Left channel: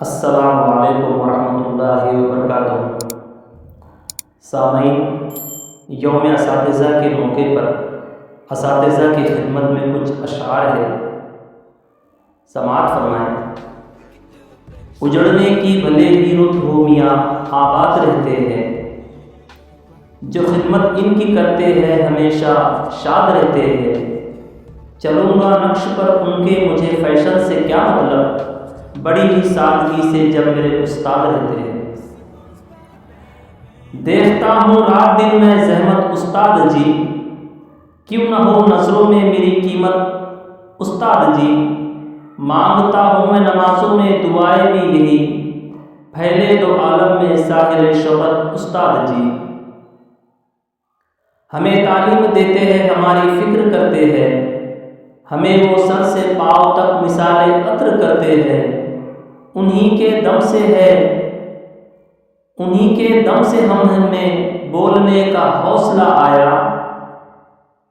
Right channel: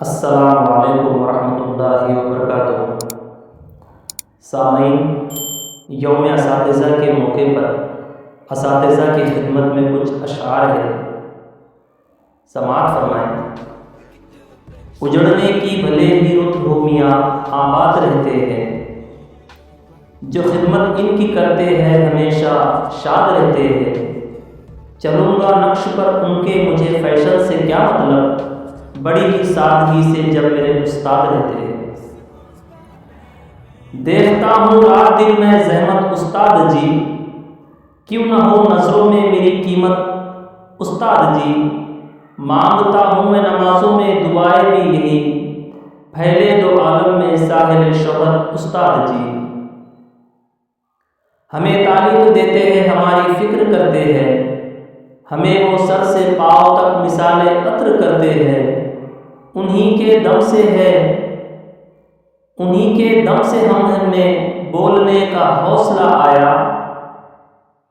السلام علیکم ورحمۃ اللہ وبرکاتہ۔ سامعین، یوم اساتذہ کے موقع پر اساتذہ کی خدمت میں کچھ اشعار ہے، سماعت فرمائیں۔ اجڑنے کی بھلے ہی رت ہو میاں آباد رہتے ہیں، جو خدمت ان کی کرتے ہیں ہمیشہ شاد رہتے ہیں۔ چلوں گا نقش پر ان کے، مجھے فیشن سے کیا مطلب، بڑی ہی سادگی سے جب میرے استاد رہتے ہیں۔ دیکھتا ہوں رات دن میں زحمت استاد جی، کیوں نہ ہو نظروں میں میری قیمت استاد جی۔ مانگتا ہوں میں نمازوں میں دعائیں بھی یہی، پھیلے دو عالم میں ساحل شہرت استاد جی۔ ہمیں تعلیم دیتے ہیں، ہماری فکر کرتے ہیں، ہمیں وہ سر سے پاؤں تک مثال عطر کرتے ہیں۔ انہی کے دم سے ہمیں بولنے کا حوصلہ آیا،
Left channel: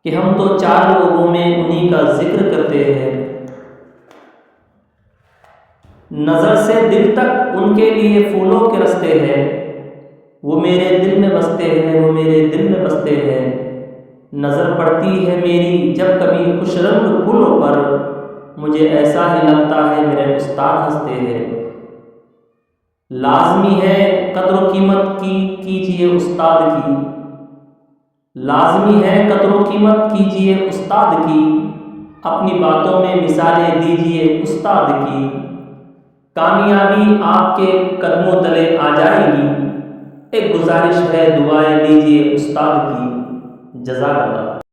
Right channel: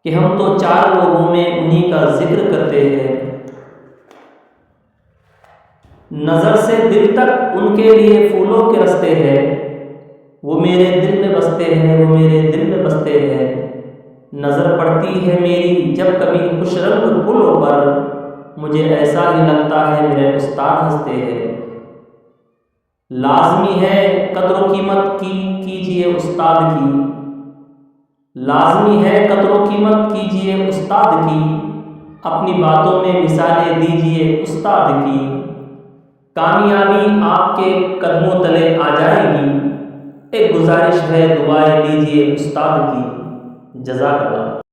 کہ ہم تو چار لوگوں میں انہی کا ذکر کرتے ہیں۔ نظر سے دل تک ان کے لیے پھولوں کے رستے ہیں، وہ میرے دل میں بستے ہیں، وہ میرے دل میں بستے ہیں۔ نظر پڑتی ہے میری جب کبھی خوش رنگ پھولوں پر، مجھے ایسا ہی لگتا ہے میرے استاد ہنستے ہیں۔ لازمی ہے قدر و قیمت کیجیے استاد کی، لازمی ہے قدر و قیمت کیجیے استاد کی، اپنی باتوں میں مثالیں دیجیے استاد کی۔ کامیابی آپ کے قدموں تلے آ جائے گی، ایک گزارش ہے دعائیں لیجیے استاد کی۔ جزاک اللہ۔